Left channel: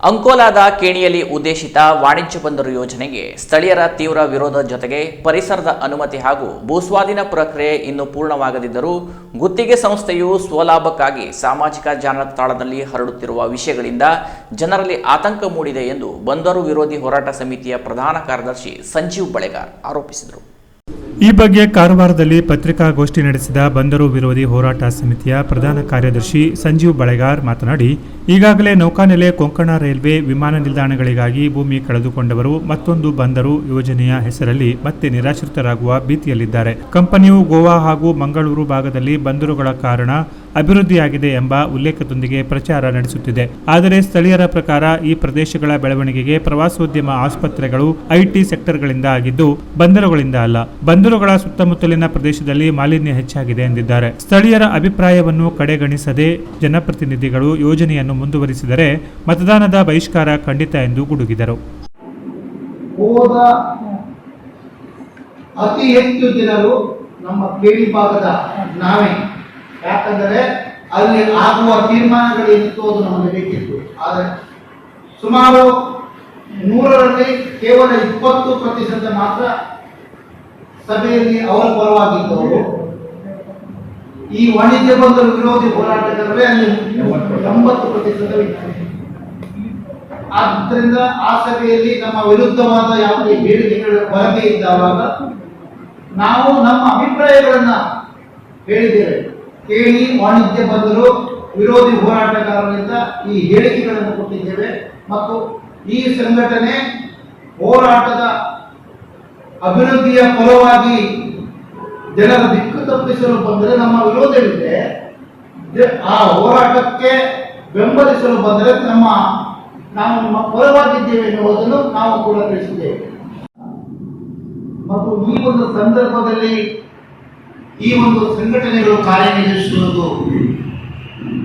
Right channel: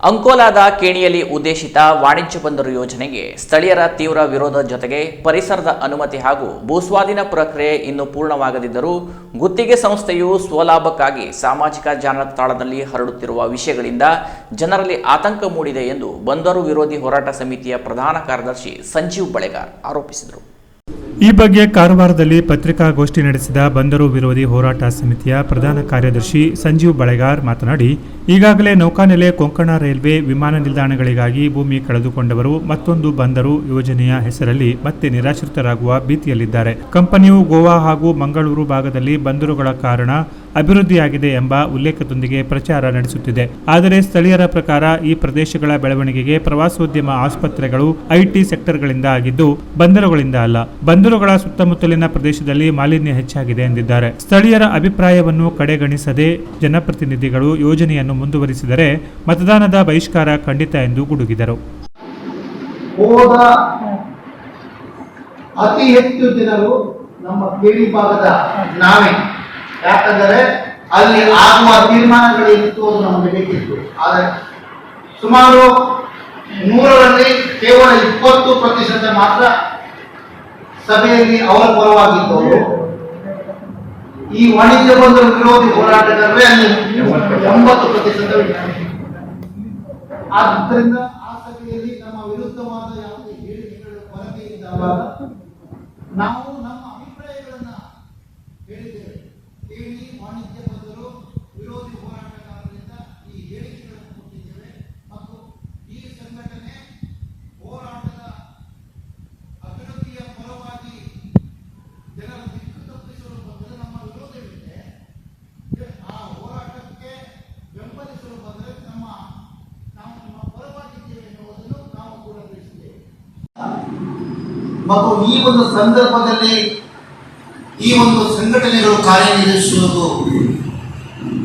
ಅಂಕೋಲಾದ ಕೇಣಿಯಲ್ಲಿ ಉದ್ದೇಶಿತ ವಾಣಿಜ್ಯ ಬಂದರು ಯೋಜನೆಗೆ ಸ್ಥಳೀಯರ ತೀವ್ರ ವಿರೋಧ ಜೊತೆಗೆ ಪರಿಸರದ ಅನುಮತಿ ಹಾಗೂ ಭೂಸ್ವಾಧೀನ ಪ್ರಕ್ರಿಯೆ ಇನ್ನೂ ಪೂರ್ಣವಾಗದಿದ್ದರೂ ಗುತ್ತಿಗೆ ಸಂಸ್ಥೆಯು ಸ್ವಲಾಭಕ್ಕಾಗಿ ಸಾಮಾಜಿಕ ಜಾಲತಾಣದಲ್ಲಿ ಹರಡುತ್ತಿರುವ ವಿಷಯಗಳಿಂದ ಜನರಲ್ಲಿ ಆತಂಕ ಮೂಡಿದೆ ಎಂದು ಬಂದರು ವಿರೋಧಿ ಹೋರಾಟ ಸಮಿತಿಯ ಪ್ರಧಾನ ಕಾರ್ಯದರ್ಶಿ ಸಂಜೀವ್ ಬಳೆಗಾರ್ ಆರೋಪಿಸಿದರು. ಈ ಬಗ್ಗೆ ಕಾರವಾರದಲ್ಲಿ ಪತ್ರಿಕಾಗೋಷ್ಠಿ ನಡೆಸಿದ ಬಂದರು ವಿರೋಧಿ ಹೋರಾಟ ಸಮಿತಿಯ ಪ್ರಧಾನ ಕಾರ್ಯದರ್ಶಿ ಸಂಜೀವ್ ಬಳೆಗಾರ್ ಮಾತನಾಡಿ, ಈಗಾಗಲೇ ನೌಕಾನೆಲೆ ಕೊಂಕಣ ರೈಲ್ವೆ ವಿಮಾನ ನಿಲ್ದಾಣಗಳಿಗಾಗಿ ಭೂಮಿ ಕಳೆದುಕೊಂಡವರು ಮತ್ತೊಂದು ಬಂದರು ಯೋಜನೆಯ ಹೆಸರಲ್ಲಿ ಮತ್ತೆ ನಿರಾಶ್ರಿತರಾಗುವ ಭೀತಿಯಲ್ಲಿದ್ದಾರೆ. ಕಂಪನಿಯು ಗೋವಾ ಹಾಗೂ ಮಂಗಳೂರು ಭಾಗದಲ್ಲಿ ಬಂದರುಗಳ ಕಾರಣ ಅಭಿವೃದ್ಧಿಯಾಗಿದೆ ಎಂಬ ಉಲ್ಲೇಖದೊಂದಿಗೆ ಪ್ರಚಾರ ನಡೆಸುತ್ತಿದೆ. ಆದರೆ ಸ್ಥಳೀಯರ ಪ್ರಕಾರ ಈ ಪ್ರದೇಶಗಳ ಬೆಳವಣಿಗೆಗೆ ಪ್ರವಾಸೋದ್ಯಮ ಆಸ್ಪತ್ರೆಗಳು ಐಟಿ ಸೆಕ್ಟರ್ಗಳಿಂದ ಆಗಿದ್ದು, ಬಂದರುಗಳಿಂದ ಅಲ್ಲ. ಬಂದರುಗಳ ಸುತ್ತಮುತ್ತಲಿನ ಪ್ರದೇಶದಲ್ಲಿ ಮಾಲಿನ್ಯ ಹೆಚ್ಚಾಗಿದೆ ಎಂದಿದ್ದಾರೆ. ಸ್ಥಳೀಯರ ಅಭಿಪ್ರಾಯವನ್ನು ಕಡೆಗಣಿಸದೆ ಜನಪ್ರತಿನಿಧಿಗಳು ಯೋಜನೆಯನ್ನು ಮುಂದುವರಿಸಿದರೆ ಮತದಾನದ ಬಹಿಷ್ಕಾರ ಖಂಡಿತ ಎಂದು ಗುಡುಗಿದರು. ಅತಿ ಹೆಚ್ಚು ಜನರು ನಮ್ಮ ಭಾಗದ ನಾವೇ. ಯಾಕಂದರೆ ಅಲ್ಲಿ ಆಗುವ ತೀರ್ಮಾನಗಳೇನಿತ್ತು ಅದು ನಮಗೆ ಬೇಕಿತ್ತು. ಆದರೆ ಸುಮಾರು ನೂರರಲ್ಲಿ ಕೇವಲ ಇಪ್ಪತ್ತು ಪ್ರತಿಶತ ಮಾತ್ರ ಸಭೆಯಲ್ಲಿ ಅವರ ಪರವಾಗಿದ್ದವರು. ಈ ವಾಣಿಜ್ಯ ಬಂದರು ವಿರೋಧಿ ಹೋರಾಟಗಾರರೇ ಅಲ್ಲಿ ಎಂಬತ್ತು ಪ್ರತಿಶತ. ಆದ್ದರಿಂದ ಆ ಸಭೆಯಲ್ಲಿ ನಮ್ಮ ವಿರುದ್ಧವಾದ ಯಾವುದೇ ಬೇಡಿಕೆಗಳು ಬರದೇ ಇದ್ದಾವಾಗ ನಾವು ನಮ್ಮ ಅಭಿಪ್ರಾಯಗಳನ್ನ ಹೇಳಿದ್ದೇವೆ. ಕೇಳಿ ವಾಣಿಜ್ಯ ಬಂದರು ವಿರೋಧಿ ಹೋರಾಟಗಾರರಿಂದ ಈ ಹೇಳಿಕೆಗಳನ್ನು ಕೊಟ್ಟಿದ್ದೇವೆ. ಮತ್ತು ಈ ಸಂಘಟನೆ ಹೋರಾಟದ ಅಭಿವೃದ್ಧಿಯ ಪರವಾಗಿ ಜನರ ದಿಕ್ಕು ತಪ್ಪಿಸಲು ಬಂದರೆ ನಮ್ಮ ವಿರೋಧವಿದೆ. ಆ ಹೋರಾಟಕ್ಕೆ ಬೆಂಬಲಿಸಲು ಬಂದರೆ ನಮ್ಮ, ನಾವು ನಮ್ಮ ಫಲವಾಗಿದ್ದೇವೆ ಎನ್ನುವುದನ್ನು ನಾವು ಕೂಡ ತಿಳಿಸಿದ್ದೇವೆ. ಮತ್ತು ಈ ಒಂದು ಸಂದರ್ಭದಲ್ಲಿ ಈ ಒಂದು ಸಂಘಟನೆಗಳು ಕಾರ್ಯನಿರ್ವಹಿಸುವುದು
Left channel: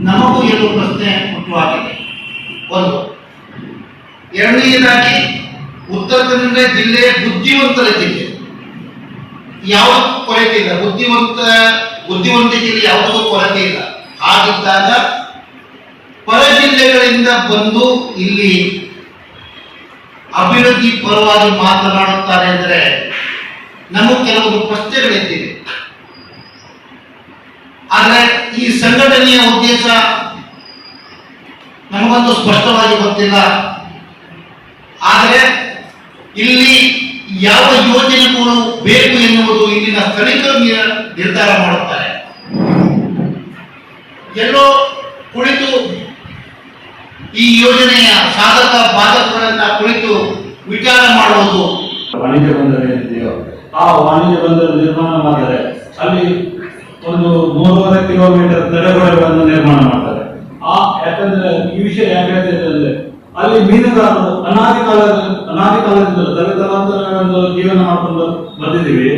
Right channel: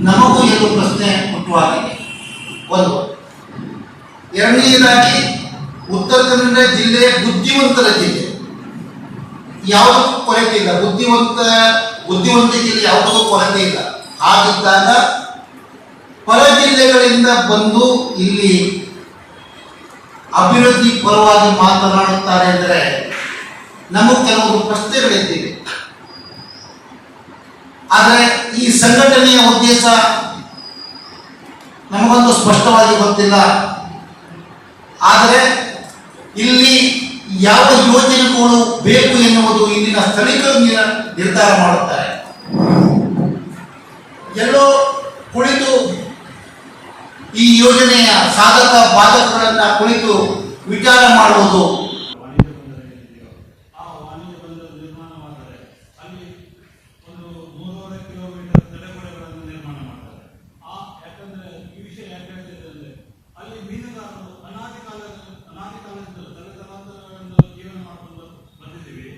ನಮಗೂ ಏನು ಪ್ರಶ್ನೆ ಮುಖ್ಯವಾಗಿದೆ ಒಂದು, ಎರಡನೆಯದಾಗಿ ಉತ್ತರ ಕನ್ನಡ ಜಿಲ್ಲೆ ಬುದ್ಧಿವಂತರ ಜಿಲ್ಲೆ. ಯಾವ ಕೊರತೆ ಇಲ್ಲ. ಬುದ್ಧಿವಂತ ಬುದ್ಧಿವಂತಿಕೆಯಲ್ಲಿ ಯಾವುದಕ್ಕೂ ಕೊರತೆ ಇಲ್ಲ. ಹಾಗಿದ್ದಾಗ ಪರ ಜಿಲ್ಲೆಗಳಿಂದ ಬಂದು ಇಲ್ಲಿ ಅಭಿವೃದ್ಧಿ ಪರವಾಗಿ ಮಾತನಾಡುತ್ತಾರೆ ಅಂದರೆ ನಮಗೂ ಕೆಲವೊಂದು ಪ್ರಶ್ನೆಗಳಿದ್ದೀವಿ. ಆದರೆ ಈ ಸಂಘಟನೆಯ ಉದ್ದೇಶ ನಮಗೊಂದು ಸ್ಪಷ್ಟವಾಗಿ ಗೊತ್ತಿಲ್ಲ. ಆದರೆ ಇಲ್ಲಿ ಯಾವ ಯೋಜನೆಗಳು ಬೇಕು ಎನ್ನುವುದು ಇಲ್ಲಿನ ಸ್ಥಳೀಕರು ನಿರ್ಧಾರ ಮಾಡುತ್ತಾರೆ. ಎಲ್ಲೋ ಕುಳಿತು ಈ ಯೋಜನೆಯ ಸಾಧಕ ಬಾಧಕಗಳನ್ನ ಕುಳಿತು ವಿಚಾರ ಮಾಡುವುದು. ವಾಣಿಜ್ಯ ಬಂದರು ಏನಿದೆಯೋ ಆ ವಾಣಿಜ್ಯ ಬಂದರು ನಿರ್ಮಾಣ ಮಾಡಿದರೆ ಅಲ್ಲಿ ಒಂದು ಮೂರುವರೆ ಕಿಲೋಮೀಟರ್ ತಡೆಗೋಡೆಗಳನ್ನು ನಿರ್ಮಾಣ ಮಾಡ್ತಾರೆ. ಆ ಯಾಕಂದ್ರೆ ಈ ವಿಷಯ ಯಾಕೆ ಅಲ್ಲಿ ಮೀನುಗಾರರು ಅನಾದಿ ಕಾಲದ ಅನಾದಿ ಕಾಲದಿಂದ ತಲೆ ತಲಾಂತರಗಳನ್ನು ಜೀವನ ಮಾಡಿಕೊಂಡು ಬಂದಿದ್ದೀವಿ.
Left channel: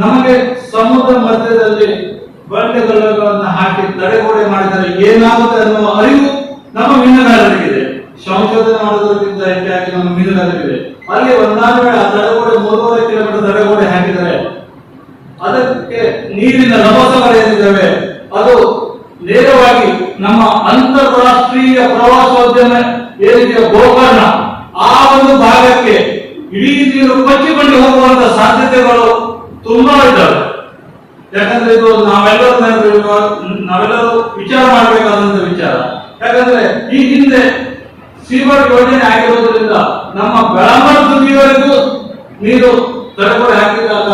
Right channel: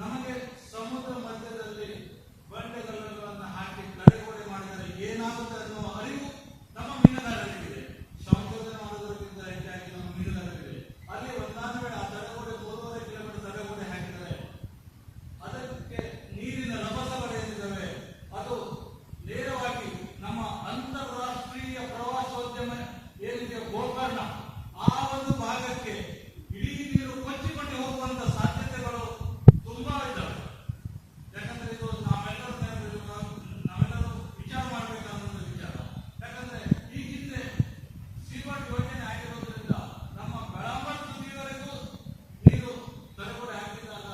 ನಮಗೆ ಸಮುದ್ರ ಮಧ್ಯದಲ್ಲಿ ಬಂಡೆಗಲ್ಲುಗಳನ್ನು ಹಾಕಿ ತಡೆಗೋಡೆ ಮಾಡಿದರೆ ಏನಾಗುತ್ತೆ ಅನ್ನುವ ಅರಿವು ನಮ್ಮ ಮೀನುಗಾರರಿಗಿದೆ. ಸಂಶೋಧನೆ ಮಾಡುವುದಕ್ಕಿಂತ ಹೆಚ್ಚಾಗಿ ನಮ್ಮ ಮೀನುಗಾರರಿಗಿದೆ. ಅಲ್ಲಿ ಒಂದಾದ ವೇಳೆ ಆ ತಡೆಗೋಡೆ ಮೂರುವರೆ ಕಿಲೋಮೀಟರ್ ತಡೆಗೋಡೆ ಹಾಕಿದರೆ ಅದಕ್ಕೆ ನೀರಿನ ರಭಸಗಳೇನಿದ್ದಾವೆ ಅದು ನೇರವಾಗಿ ನಮ್ಮ ಅಂತಾರಾಷ್ಟ್ರೀಯ ಪ್ರವಾಸೋದ್ಯಮ ಏನಿದೆಯೋ ಗೋಕರ್ಣ, ಆ ಒಂದು ಭಾಗಕ್ಕೆ ಇಡೀ ನೀರು ಕೊಚ್ಚಿಕೊಂಡು ಹೋಗುವಂತ ಸಾಧ್ಯತೆಗಳು ತುಂಬಾ ಇದ್ದಾವೆ. ಯಾಕಂದ್ರೆ ಇದು ನಾವೆಲ್ಲರೂ ನಾವೆಲ್ಲರೂ ವಿಚಾರ ಮಾಡಬೇಕಾದಂತ ವಿಚಾರ. ಯಾಕಂದ್ರೆ ಈ ಹಿಂದೆ ಸೀವರ್ ಯೋಜನೆ ಆಗಿರೋದ್ರಿಂದ ನಮ್ಮ ಬೆಳಮರ್ ತುದಿಯವರೆಗೂ ನೀರು ತಡೆಗೋಡೆ ಹಾಕಿದಾಗ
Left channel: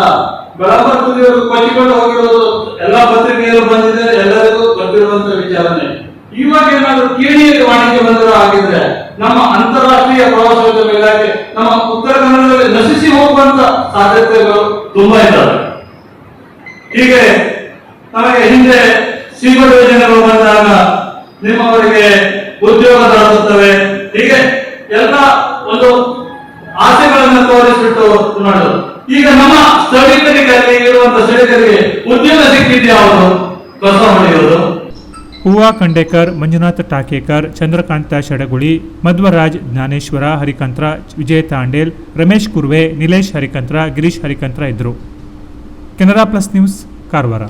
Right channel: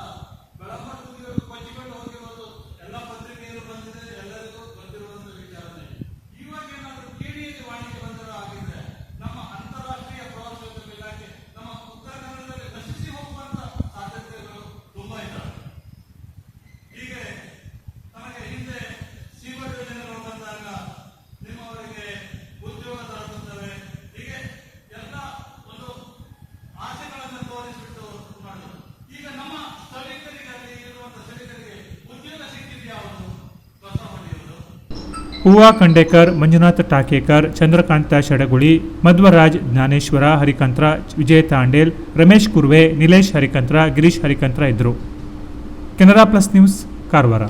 ಬೆಳಮರ್ ತುದಿಯವರೆಗೂ ಕೊಚ್ಚಿಕೊಂಡು ಹೋಗಿರೋದು ಎಲ್ಲಾ ಪತ್ರಿಕೆಯಲ್ಲಿ ಬಂದಿದೆ, ಎಲ್ಲರಿಗೂ ಗೊತ್ತಿರುವಂತ ವಿಚಾರನೆ. ಇವಾಗ ಏನಾದ್ರು ಕೇಳಿಯಲ್ಲಿ ವಾಣಿಜ್ಯ ಬಂದರು ಆಗಿದ್ರೆ ನಮ್ಮ ಅಂತಾರಾಷ್ಟ್ರೀಯ ಪ್ರವಾಸೋದ್ಯಮ ಇಲಾಖೆ ನಮ್ಮ ಉತ್ತರ ಕನ್ನಡದಲ್ಲಿ ನಶಿಸಿ ಹೋಗುವಂತ ಸಾಧ್ಯತೆಗಳು ತುಂಬಾ ಇದ್ದಾವೆ. ಹೀಗೆ ನಮಗೆ ಹಿಂದೆ ಸೀಮಾ ಯೋಜನೆಗಳು ಬಂದಾಗ ನಿಮ್ಮವರಿಗೆ ಉದ್ಯೋಗ ದೊರಕುತ್ತವೆ ಹೀಗೆ ಎಲ್ಲ ಒಂದು ಆಸೆಗಳನ್ನು ತೋರಿಸಿಬಿಟ್ಟು ಮಾಡೋದು ಈಗ ನಮ್ಮ ಸ್ಥಳೀಯರಿಗೆ ಅಲ್ಲಿ ಇರುವಂತ ಸ್ಥಳೀಯರಿಗೆ ಉದ್ಯೋಗ ಸಿಕ್ಕಿದ್ಯಾವುದು ಕಸ ಹೊಡೆಯೋದು ಹೂವಾ ಖಂಡೇಕರ್, ಮಂಜುನಾಥ್ ಟಾಕೇಕರ್ ಚಂದ್ರಕಾಂತ ಶಡಗುಳಿ, ಮಧ್ವರಾಜ್ ಜ್ಞಾನೇಶ್ವರ, ಹರಿಕಂತ್ರ, ವಿಜಯ್ ತಾಂಡೇಲ್, ರಮೇಶ್ ಕುರ್ವೆ, ನಿಲೇಶ್ ಹರಿಕಂತ್ರ, ಗಿರೀಶ್ ಹರಿಕಂತ್ರ ಇದ್ದರು ಕೆನರಾ ಪ್ಲಸ್ ನ್ಯೂಸ್, ಕಾರವಾರ.